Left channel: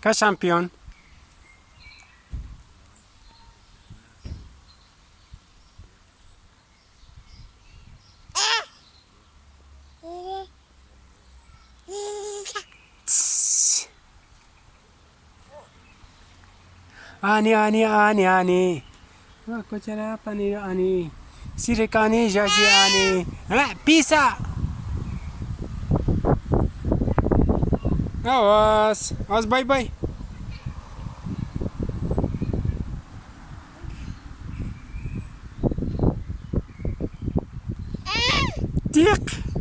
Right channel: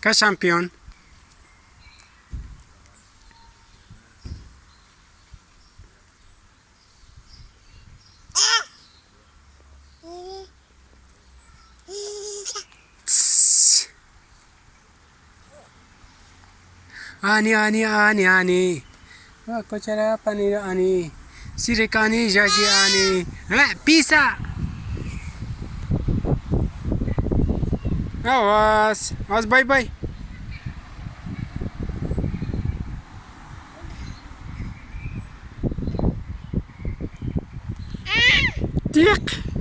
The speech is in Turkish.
Kaç şampiyon? Ani. Wah, kau cara apa nih ani? Sirekani jadi ani. Bisa. Awaz, bye. Tik.